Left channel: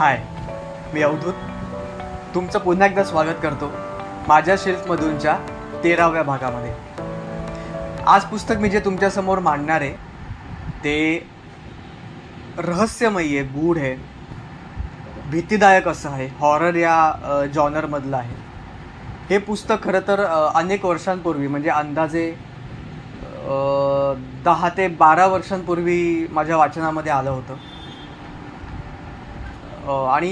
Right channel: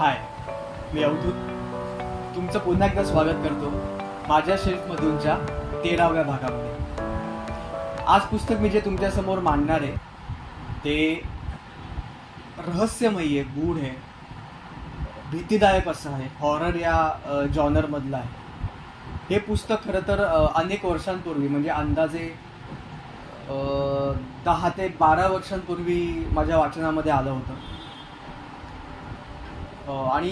हाय, मी अवधूत तुमचं पुन्हा एकदा स्वागत करतो माझ्या शेल्फमधूनच्या 13व्या भागामध्ये. आज पुस्तक मी जे तुमच्यासमोर मांडणार आहे ते रहस्यमयी आहे, गूढ आहे, भीतीदायक असं आहे, हॉरर या जॉनरमधलं आहे. हे पुस्तक खरं तर अनेक वर्षांपूर्वी म्हणजे अंदाजे 10 ते 12 वर्षांपूर्वी माझ्या वाचनामध्ये आलं होतं. आणि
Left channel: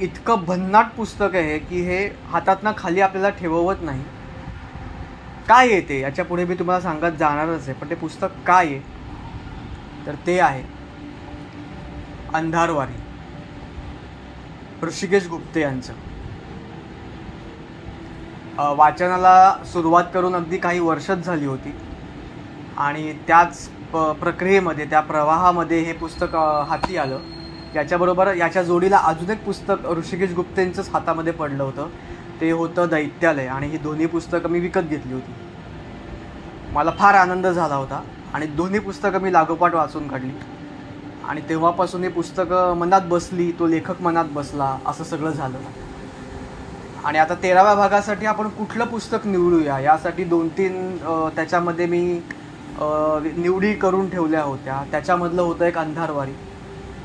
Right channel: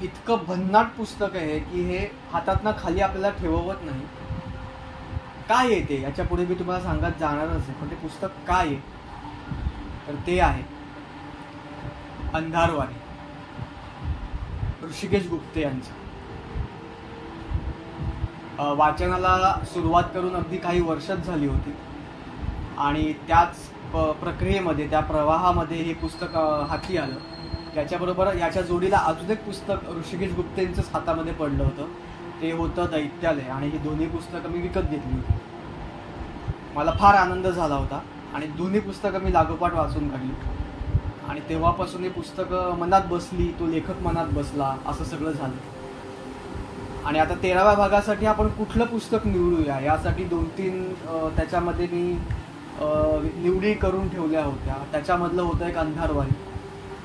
इतकं भन्नाट पुस्तक आहे की हे हातातनं खाली आपल्याला ठेवत नाही. काय आहे ते याच्या पुढे मी तुम्हाला सांगत जाणारच आहे, पण ते पुस्तक काय आहे तर ते आहे अंधारवारी, ऋषिकेश गुप्ते यांचं. वाचनाला सुरुवात करून अगदी काही वर्षच झाली होती आणि त्याच प्रक्रियेमध्ये, त्या प्रवाहामध्ये हे पुस्तक हाती आलं. याच्याबरोबर याच्या जोडीला अजून एक पुस्तक ऋषिकेश गुप्तेंचंच हातामध्ये पडलं होतं, ते होतं दैत्यालय. आणि ही दोन्ही पुस्तकं मी विकत घेतली होती. मला फार आनंद झाला होता आणि दोन्ही पुस्तकं मी लागोपाठ वाचून काढली आणि तेव्हापासून ही पुस्तकं मनात बसली, तो लेखक मनात बसला, असं सगळं झालं. आणि आता 13व्या भागासाठी आपण कुठलं पुस्तक निवडूया यासाठी 2-3 त्याच्यामध्ये मी निवडी करून ठेवल्या होत्या. त्याच्यामधलं होतं एक अंधारवारी.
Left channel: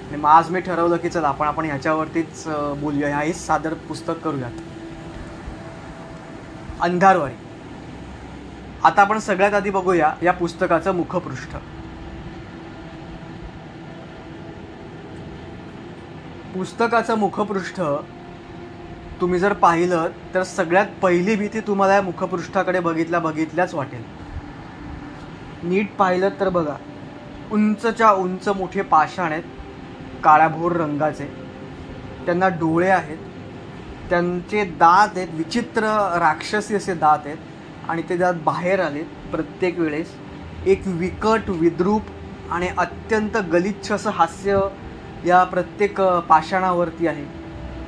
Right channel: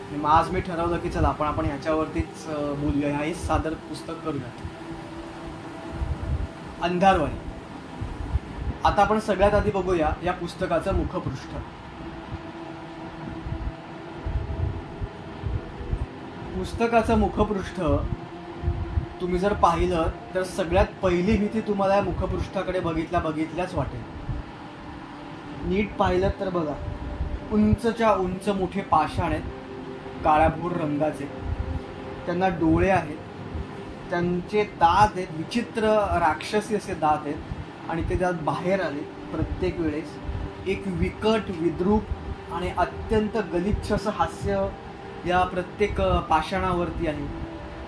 आणि मग आज मी ठरवलं की चला आपण ह्याच्यावरतीच बोलूया, हेच सादर पुस्तक करूयात. अंधारवारी. आता आपण सगळ्यात आधी बघूया या पुस्तकाचं मुखपृष्ठ. पुस्तकाचं मुखपृष्ठ तुम्ही जर पाहिलं तर सगळ्यात पहिली भीती तुम्हाला या मुखपृष्ठाकडे बघितल्याच वाटेल. नीट पाहिलं तर बघा, उंचच्या उंच मोठे पाषाण आहेत, काळ्याभोर रंगाचे. त्यांना डोळे आहेत, त्यांचे दात आहेत, विचित्र राक्षसी असे दात आहेत आणि ते दात बाहेर आले प्रत्येक वेळेस. एक विकट, विद्रूप आणि अत्यंत गलिच्छ असं हास्य या प्रत्येक पाषाणावरती आहे.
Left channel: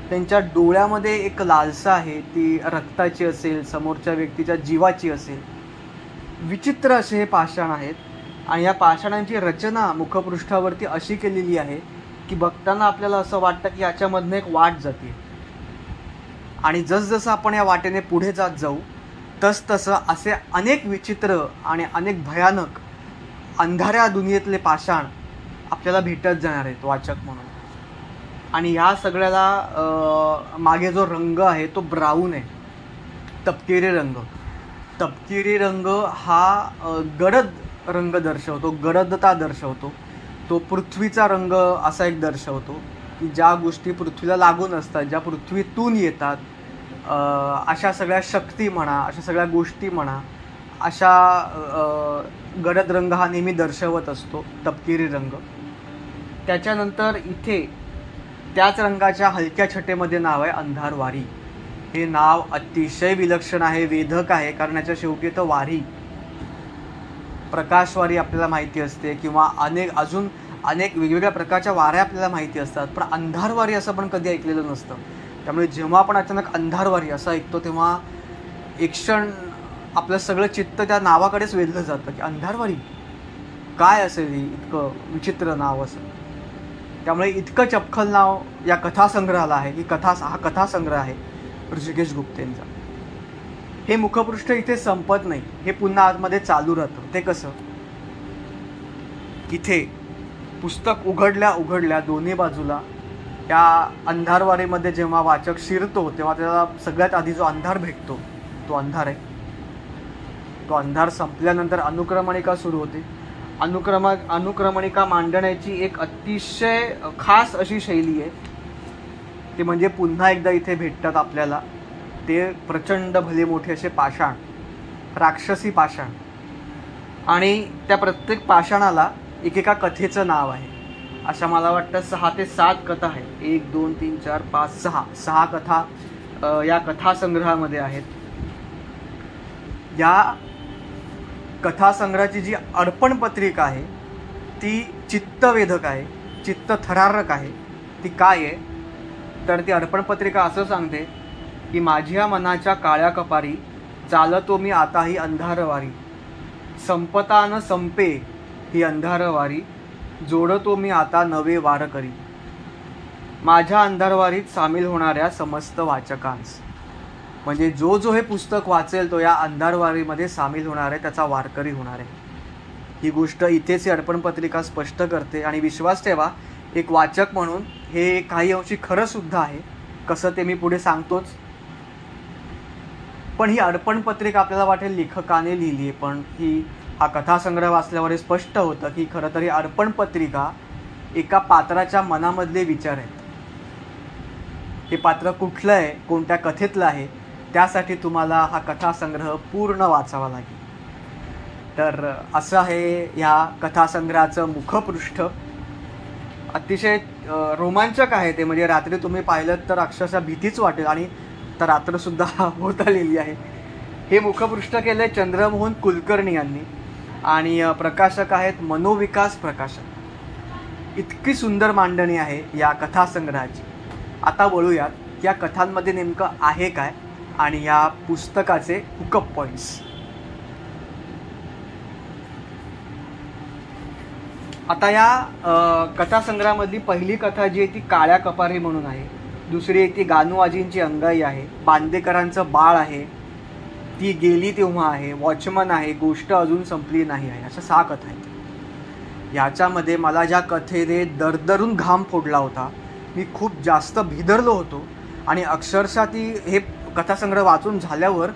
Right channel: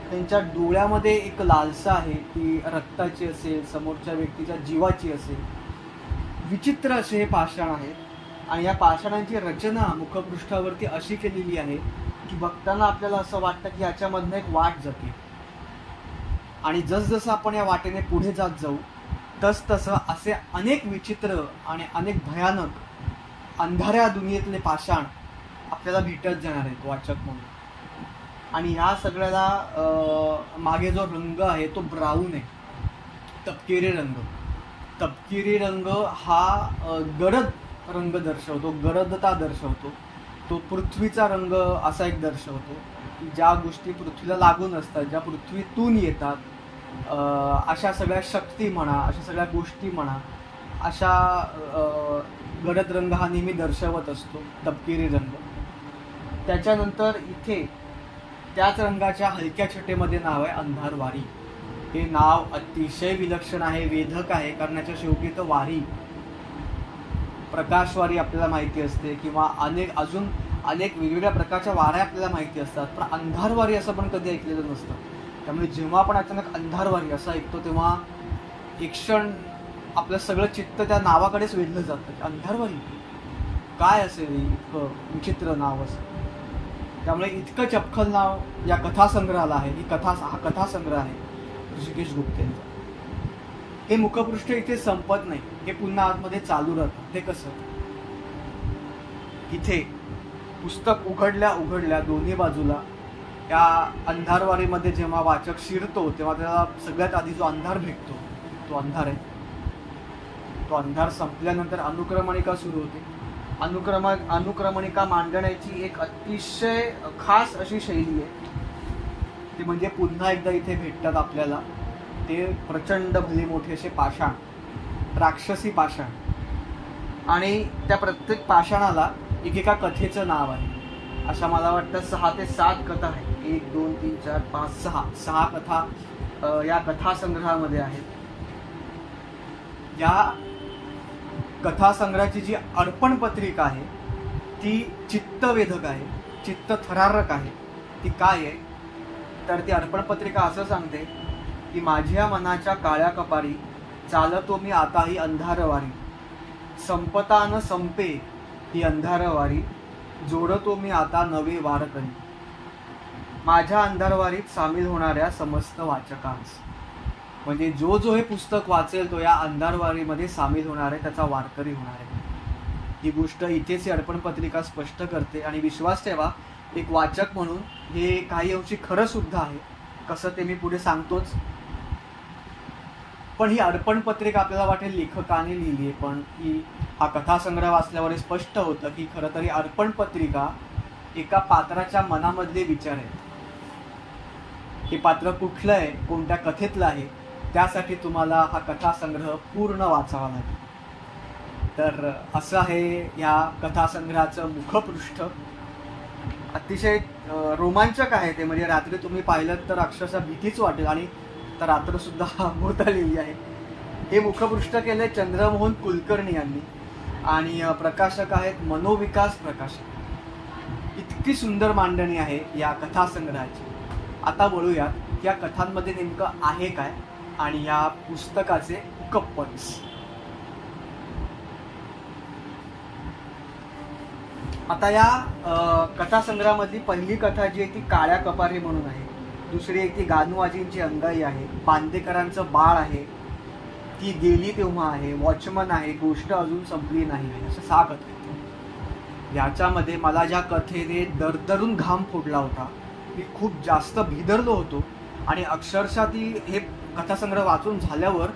त्यांच्या डोळ्यामध्ये एक लालसा आहे, ती रक्ताची असेल, समोरच्या व्यक्तीच्या जीवाची असेल. विचित्र असे हे पाषाण आहेत आणि या पाषाणांची रचना मुखपृष्ठावरती अशी केलेली आहे की बघताना आपल्याला असं वाटतं की याच्यामधनं एक वाट जाते. आणि जसजसं आपण या वाटेने पुढे जात जाऊ तसतसं असे अनेक विचित्र आणि अनेक भयानक अंधाऱ्या दुनियेतले पाषाण आपल्याला भेटत जाणार आहेत वाचक म्हणून. आणि या सगळ्याला मागे जो रंग आहे तो ब्राऊन आहे, तपकिरी रंग. तपकिरी रंग हा गडद रंग दर्शवतो, गडदता दर्शवतो. तो पृथ्वीचा रंग असा एक दर्शवतो की ज्या गोष्टी पृथ्वीला लागून असतात, ज्या पृथ्वीतून येतात, अशा सगळ्या शक्ती म्हणा, अशा सगळ्या गोष्टी म्हणा, अशा गडद रंग हा नेहमी दर्शवत असतो, तपकिरी रंग. त्याच्यानंतर इथे त्याच रंगाच्या हलक्या छटेमध्ये नाव आहे अंधारवारी. हे नाव अतिशय विलक्षण आहे, वेधक आहे, कारण याच्या शेवटी तर वारी, प्रकाशवारी आपल्याला माहिती असते किंवा अजून अनेक वेगवेगळ्या प्रकारच्या वाऱ्या आपल्याला माहिती असतात, पण अंधारवारी असं पण कधी ऐकलेलं नसतं. त्यामुळे जेव्हा आपण अचानक अंधारवारी असं ऐकतो तेव्हा एक क्षण आपलं सगळं चित्त त्या नावाकडेच वेधलं जातं की अंधारवारी काय असेल, इतकं विचित्र नाव असं. त्यामुळे इतकं चपखल नाव या कथासंग्रहाला आहे. हा कथासंग्रह आहे ऋषिकेश गुप्तेंचा. हे मुखपृष्ठ इथे संपत नाही, हे पुन्हा आतमध्ये चालू राहतं. ते कसं, इथे पुस्तक उघडल्या दोन्ही बाजूला त्या अंधारवारीमध्ये जेव्हा वाचक शिरतो तेव्हा त्याला सगळ्यात आधी जो अंधार भेटतो तो अंधार आहे. तो अंधार संपल्यानंतर अनुक्रमणिका सुरू होते. अनुक्रमणिका मांडण्याची एक अतिशय खास अशी शैली आहे, ती म्हणजे पुन्हा एकदा इथे भेटतात आपल्याला ते प्रचंड भले मोठे असे पाषाण, राक्षसी पाषाण. आणि त्या प्रत्येक पाषाणाला एकेका कथेचं नाव आहे. अशा मला वाटतं 6 ते 7 कथा आहेत. 1, 2, 3, 4, 5, 6 कथा या कथासंग्रहामध्ये आहेत. या कथासंग्रहाची जी अर्पण पत्रिका आहे ती चित्तवेधक आहे, चित्तथरारक आहे. ती काय आहे तर ती अर्पण पत्रिका असं सांगते की माझ्या मनाच्या काळ्या कपारी चालतो मी आता ही अंधारवारी, संपता न संपे ही अंधारवारी, जोडतो मी आता नवे वार करी. माझ्या अंधारवारीत सामील होणाऱ्या समस्त वाचकांस, म्हणजे जो जो हे पुस्तक वाचेल तो या अंधारवारीमध्ये सामील होणार आहे, त्याचा वारकरी होणार आहे. ही गोष्ट इथेच अर्पण पत्रिका स्पष्ट करते. आणि विश्वास ठेवा, एक वाचक म्हणून हे काही अंशी खरं सुद्धा आहे. कसं ते मी पुढे सांगतोच. पण ही अर्पण पत्रिका आपल्याला वाटेल लेखकाने लिहिली आहे, पण हा कथासंग्रह वाचल्यावर हे स्पष्ट होतं की खरं तरी अर्पण पत्रिका एका पात्राच्या मनामधले विचार आहेत. हे पात्र कुठलं आहे, कोणत्या कथेतलं आहे, त्यासाठी तुम्हाला हा कथासंग्रह पूर्ण वाचावा लागेल. तर असं आहे या कथासंग्रहाचं मुखपृष्ठ. अतिशय रोमांचक आहे ते. म्हणजे रात्री तुम्ही पाहिलं तर अक्षरशः भीतीच वाटेल. आणि तर रात्रसुद्धा होत आलेली आहे. हे मुखपृष्ठ केले चंद्रमोहन कुलकर्णी यांनी आणि प्रकाशक आहेत मनोविकास प्रकाशक. इतकी सुंदर मांडणी आहे या कथासंग्रहाची. आता बोलूयात या कथांमध्ये नेमकं आहे काय आणि या पुस्तकाचे हुकअप पॉइंट्स. आता या कथासंग्रहामधली पहिली कथा जी आहे ती काळ्या कपारी म्हणून आहे. दुसरी एक ती गानूआजींची अंगाई आहे. बांदेकरांचं बाळ आहे. ती गेली तेव्हा आहे. वॉचमन आहे. गोष्ट अजून संपली नाही आहे. अशा 6 कथा आहेत. याच्यामध्ये मला ज्या कथेने दरदरून घाम फोडला होता, मी खूप जास्त भिदरलो होतो. आणि अक्षरशः हे कथासंग्रह वाचून झाल्यावर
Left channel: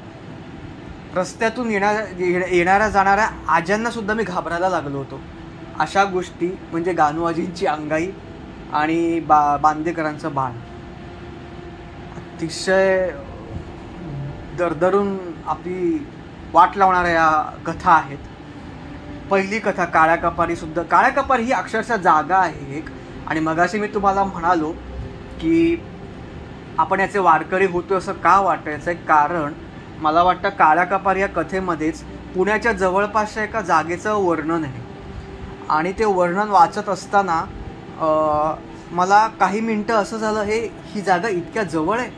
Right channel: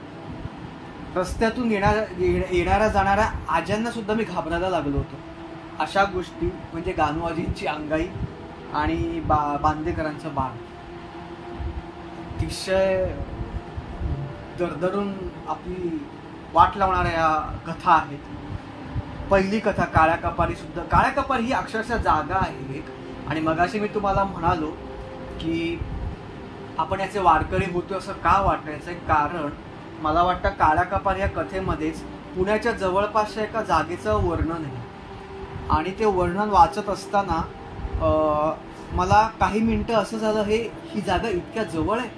रस्त्यातून येणाऱ्या जाणाऱ्या आज्यांना सुद्धा मी घाबरायला लागलो होतो. अशा गोष्टी म्हणजे गानूआजींची अंगाई आणि बांदेकरांचं बाळ अतिशय दरदरून आपली वाट लावणाऱ्या या कथा आहेत. पहिली कथा काळ्या कपारी सुद्धा. काळ्या कपारी ही अक्षरशः जागा आहे एक. आणि मगाशी मी तुम्हाला म्हणालो की आपण याचे वारकरी होतो असं का वाटायचं आहे, कारण मला वाटतं काळ्या कपारी या कथेमध्येच पुण्याच्या जवळपासच्या एका जागेचं वर्णन आहे. आणि ते वर्णन वाचत असताना मला काही मिनटं असं झालं, ही जागा इतक्या जवळ आहे,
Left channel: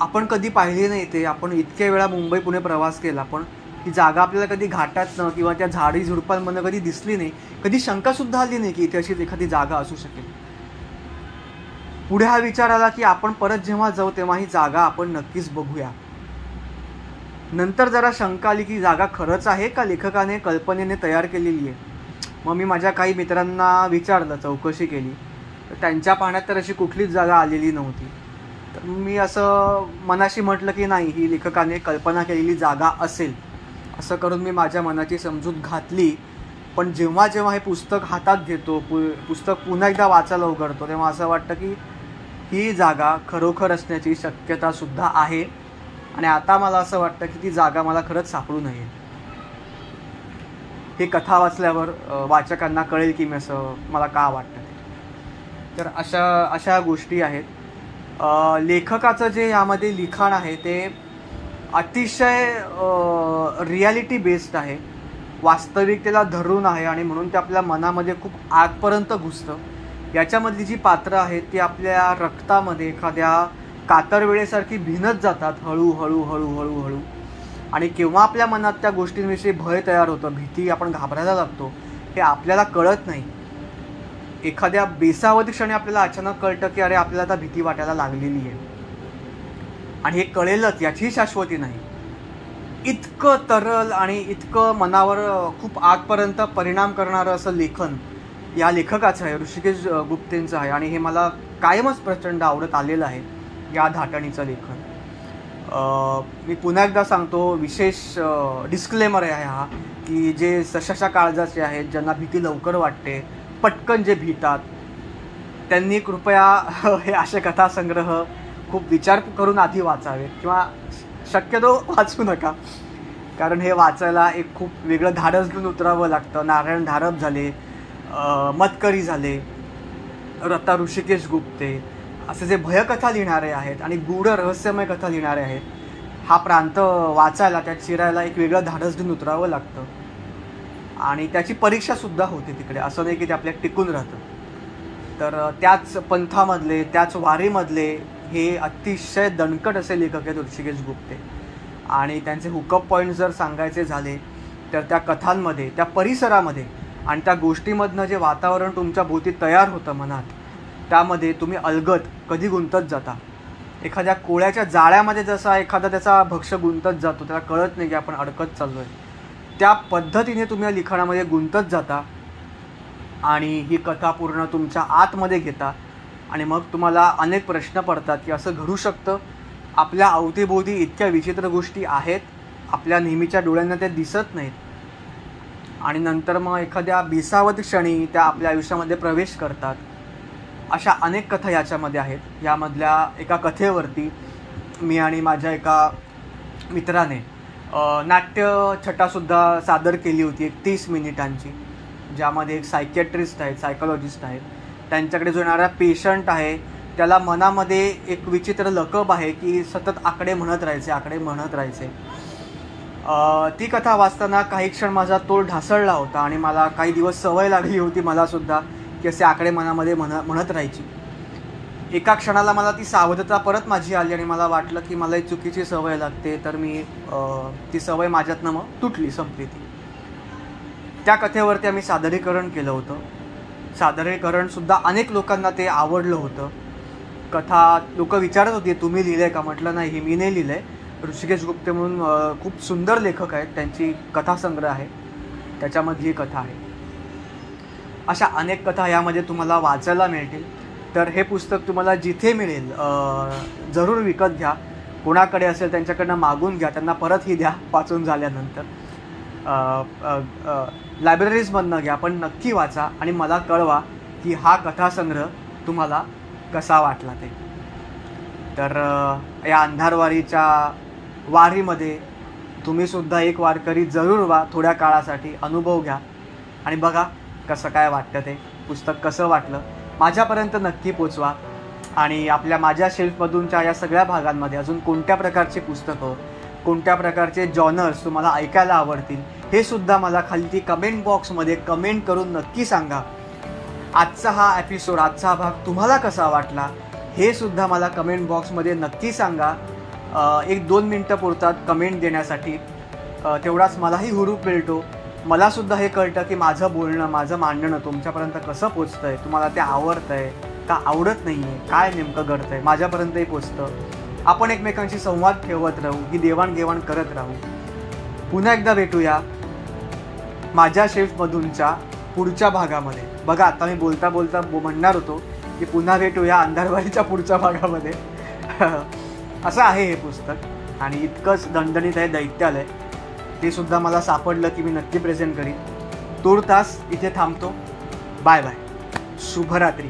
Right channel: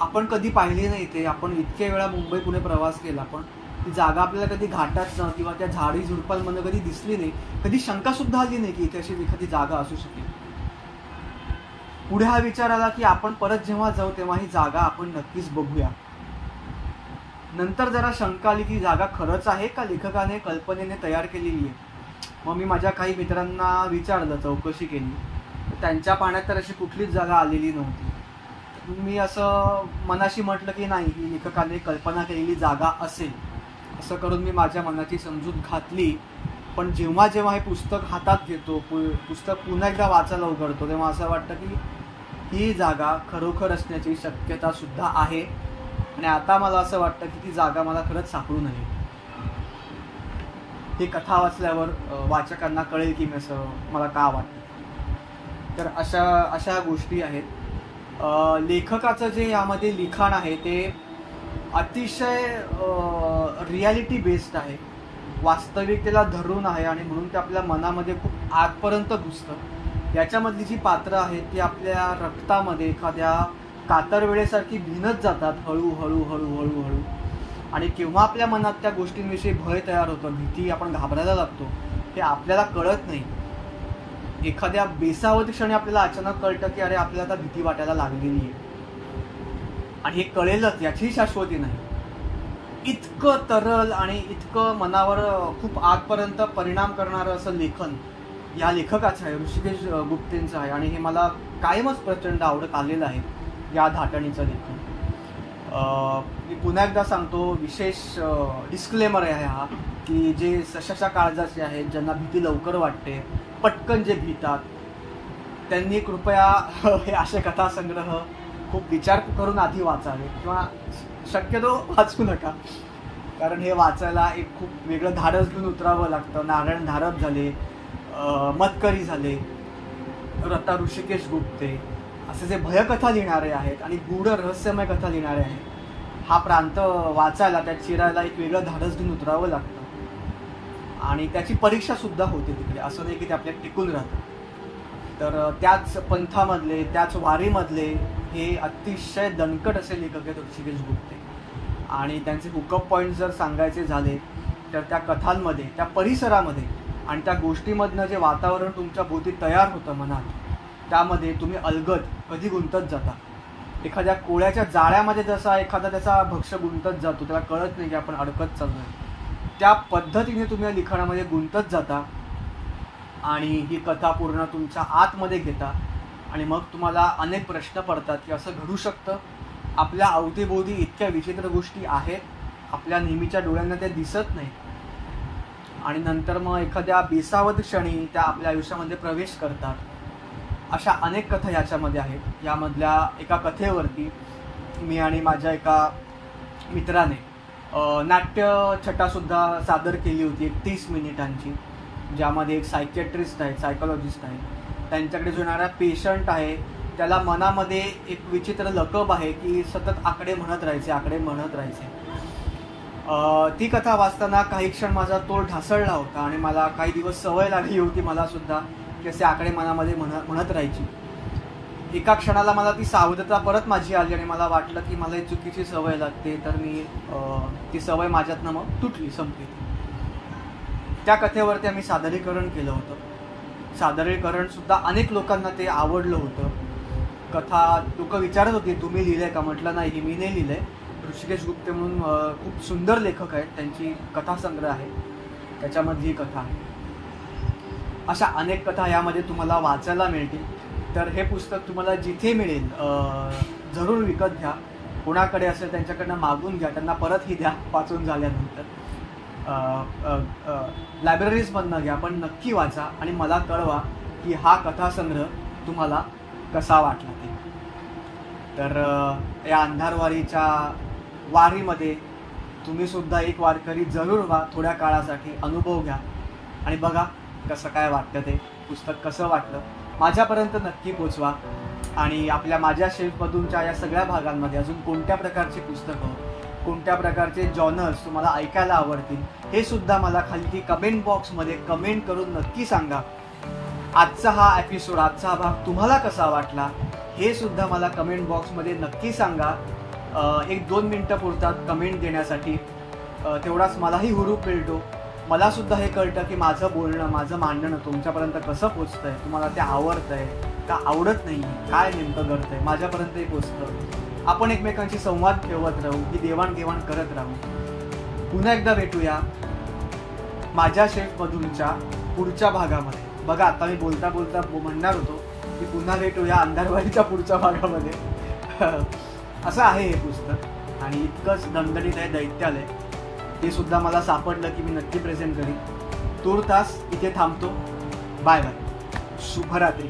आपण कधी पाहिली नाही ते. आपण इतक्या वेळा मुंबई पुणे प्रवास केला, पण ही जागा आपल्याला कधी घाटातनं किंवा त्या झाडी झुडपांमधनं कधी दिसली नाही. कधी शंकासुद्धा आली नाही की इथे अशी एखादी जागा असू शकेल. पुढे हा विचार आला की आपण परत जेव्हा जाऊ तेव्हा ही जागा आपण नक्कीच बघूया. नंतर जरा शंका आली की जागा खरंच आहे का लेखकाने कल्पनेने तयार केलेली आहे. मग मी माझ्या काही मित्रांना विचारलं, चौकशी केली, तर त्यांच्या पाहण्यात तर अशी कुठलीच जागा आलेली नव्हती. तर मी असं मनाशी म्हटलं की नाही, ही लेखकाने कल्पना केलेली जागा असेल. असं करून मी माझ्या मनाची समजूत घातली. पण जेव्हा जेव्हा हे पुस्तक हातात घेतो, पुस्तक पुन्हा एकदा वाचायला उघडतो, तेव्हा असं वाटतं की ही जागा खरोखर असण्याची शक्यता सुद्धा आहे. आणि आता मला असं वाटतं की ती जागा मला खरंच सापडू नये. हे कथा वाचल्यावर वाचकांना कळेल की मी असं मला का वाटतं. तर अशा गोष्टी आहेत. लेखकाचं जे यामध्ये लिखाण आहे ते अतिशय रियालिटी बेस्ड आहे. वास्तविकतेला धरून आहे आणि म्हणून ते आपल्या मनामध्ये खूप आतपर्यंत घुसतं. याच्यामधली जी पात्रं आहेत ती आपल्या रक्तामध्ये एखाद्या कातरवेळेसारखी भिनत जातात हळूहळू हळूहळू हळू. आणि केव्हा आपल्या मनात त्या गोष्टींविषयी भय तयार होतं, भीती, आपण घाबरायला लागतो, हे आपल्याला कळत नाही. एखाद्या बेसावधी क्षणी आपल्याला अचानक कळतं की अरे आपल्याला आता भीती वाटायला लागलेली आहे. आणि हे कळेलच याची शाश्वती नाही. इतकं तरल आणि इतकं मनावर खूप आतपर्यंत परिणाम करणारं असं लेखन या लेखकाचं आहे, ऋषिकेश गुप्तेंचं आहे. आणि हे मला कायमच प्रचंड आवडत आलेलं आहे या धाटणीचं लेखन. मी पुन्हा एकदा सांगतो, विशेष डिस्क्लेमर आहे हा, की जे सशाशा काळजाचे आहेत, ज्यांना भीती लवकर वाटते, पटकन जे भीतात, त्यांनी कृपया हे असे कथासंग्रह खूप विचार करून आधी वाचावे किंवा शक्यतो वाचू नका. कारण हे वाचायला एक खूप वेगळं धाडस घेऊन उतरावं लागतं. नारायण धारप झाले, मतकरी झाले, आता ऋषिकेश गुप्ते असे जे भयकथा लिहिणारे आहेत आणि गूढ रहस्यमय कथा लिहिणारे आहेत, हा प्रांत वाचायला, त्यात शिरायला एक वेगळं धाडस घेऊन उतरावं लागतं. आणि त्याची परीक्षासुद्धा होते तिकडे. असं नाही की ते आपल्याला टिकून राहतं. तर त्याच पंथामधले, त्याच वारीमधले हे अतिशय दणकट असे लेखक आहेत ऋषिकेश गुप्ते. आणि त्यांचे हुकअप पॉईंट्स जर सांगायचे झाले तर त्या कथांमध्ये, त्या परिसरामध्ये आणि त्या गोष्टीमधनं जे वातावरण तुमच्या भोवती तयार होतं मनात, त्यामध्ये तुम्ही अलगद कधी गुंतत जाता. एखाद्या कोळ्याच्या जाळ्यामध्ये जसा एखादा त्याचा भक्ष गुंतत जातो, त्याला कळत नाही की आपण अडकत चाललोय, त्या पद्धतीने तुम्ही या लिखाणामध्ये गुंतत जाता आणि ही कथा पूर्ण तुमच्या आतमध्ये घेता. आणि मग तुम्हाला अनेक प्रश्न पडतात की असं घडू शकतं. आपल्या अवतीभोवती इतक्या विचित्र गोष्टी आहेत, आपल्या नेहमीच्या डोळ्यांना त्या दिसत नाहीत. आणि नंतर मग एखाद्या बेसावध क्षणी त्या आपल्या आयुष्यामध्ये प्रवेश करतात. अशा अनेक कथा याच्यामध्ये आहेत. यामधल्या एका कथेवरती मी आणि माझ्या एका मित्राने नाट्यछटासुद्धा सादर केली होती, एक 30 मिनिटांची, ज्यामध्ये एक सायकियाट्रिस्ट आहेत, सायकोलॉजिस्ट आहेत. त्यांच्याकडे जो येणारा पेशंट आहे त्याला मनामध्ये एक विचित्र लकब आहे की सतत आकडे म्हणत राहायचे. ती कथा वाचताना काही क्षण माझा तोल ढासळला होता आणि मला काही दिवस सवय लागली होती मला सुद्धा की असे आकडे मनामध्ये म्हणत राहायची. एका क्षणाला मला ती सावधता परत माझी आली आणि मला वाटलं की मला एक चुकीची सवय लागते. तर मी ती सवय माझ्यातनं मग तुटली, संपली ती. त्या कथेवरती आम्ही सादरीकरण केलं होतं. सादरीकरणसुद्धा अनेक लोकांना ते आवडलं होतं. कथा लोक विचारत होती, तुम्ही लिहिलंय का? म्हटलं नाही, मी नाही लिहिलंय. ऋषिकेश गुप्ते म्हणून खूप सुंदर लेखक आहेत, त्यांची कथासंग्रह आहे, त्याच्यामधली ही कथा आहे. अशा अनेक कथा यामध्ये तुम्हाला वाचायला मिळतील. तर हे पुस्तक तुम्हाला जिथे मिळेल जरूर विकत घ्या. कोणाकडे असेल त्यांच्याकडनं मागून घ्या, त्यांना परतही द्या वाचून झाल्यानंतर. लायब्ररीजमधनं घ्या, पण नक्की वाचा आणि मला कळवा की हा कथासंग्रह तुम्हाला कसा वाटला ते. तर या अंधारवारीच्या वारीमध्ये तुम्हीसुद्धा एक वारकरी जरूर व्हा. थोड्या काळासाठी अनुभव घ्या आणि बघा कसं काय वाटतं ते. पुस्तक कसं वाटलं माझ्यापर्यंत नक्की पोचवा. आणि आपल्या माझ्या शेल्फमधूनच्या या सगळ्या भागांमध्ये अजून कोणत्या प्रकारची पुस्तकं, कोणत्या प्रकारचे जॉनर्स तुम्हाला ऐकायला आवडतील हे सुद्धा मला खाली कमेंट बॉक्समध्ये कमेंट करून नक्की सांगा. आजचा हा एपिसोड, आजचा हा भाग तुम्हाला कसा वाटला हे सुद्धा मला कमेंट बॉक्समध्ये नक्की सांगा. 1-2 मिनटं पुरतात कमेंट देण्यासाठी, तेवढाच मलाही हुरूप मिळतो. मला सुद्धा हे कळतं की माझं बोलणं, माझं मांडणं तुमच्यापर्यंत कसं पोचतंय, तुम्हाला ते आवडतंय का आवडत नाही, काय नेमकं घडतंय, माझ्यापर्यंतही पोचतं. आपण एकमेकांशी संवाद ठेवत राहू, ही देवाणघेवाण करत राहू. पुन्हा एकदा भेटूया माझ्या शेल्फमधूनच्या पुढच्या भागामध्ये. बघा, आता मी बोलता बोलता म्हणणार होतो की पुन्हा भेटूया अंधारवारीच्या पुढच्या भागामध्ये. असं आहे हे पुस्तक आणि इतकंच दणदणीत आहे, दैत्यालय. ते सुद्धा मला सापडलं की मी नक्की प्रेझेंट करीन. तूर्तास इथे थांबतो. Bye bye. शुभरात्री.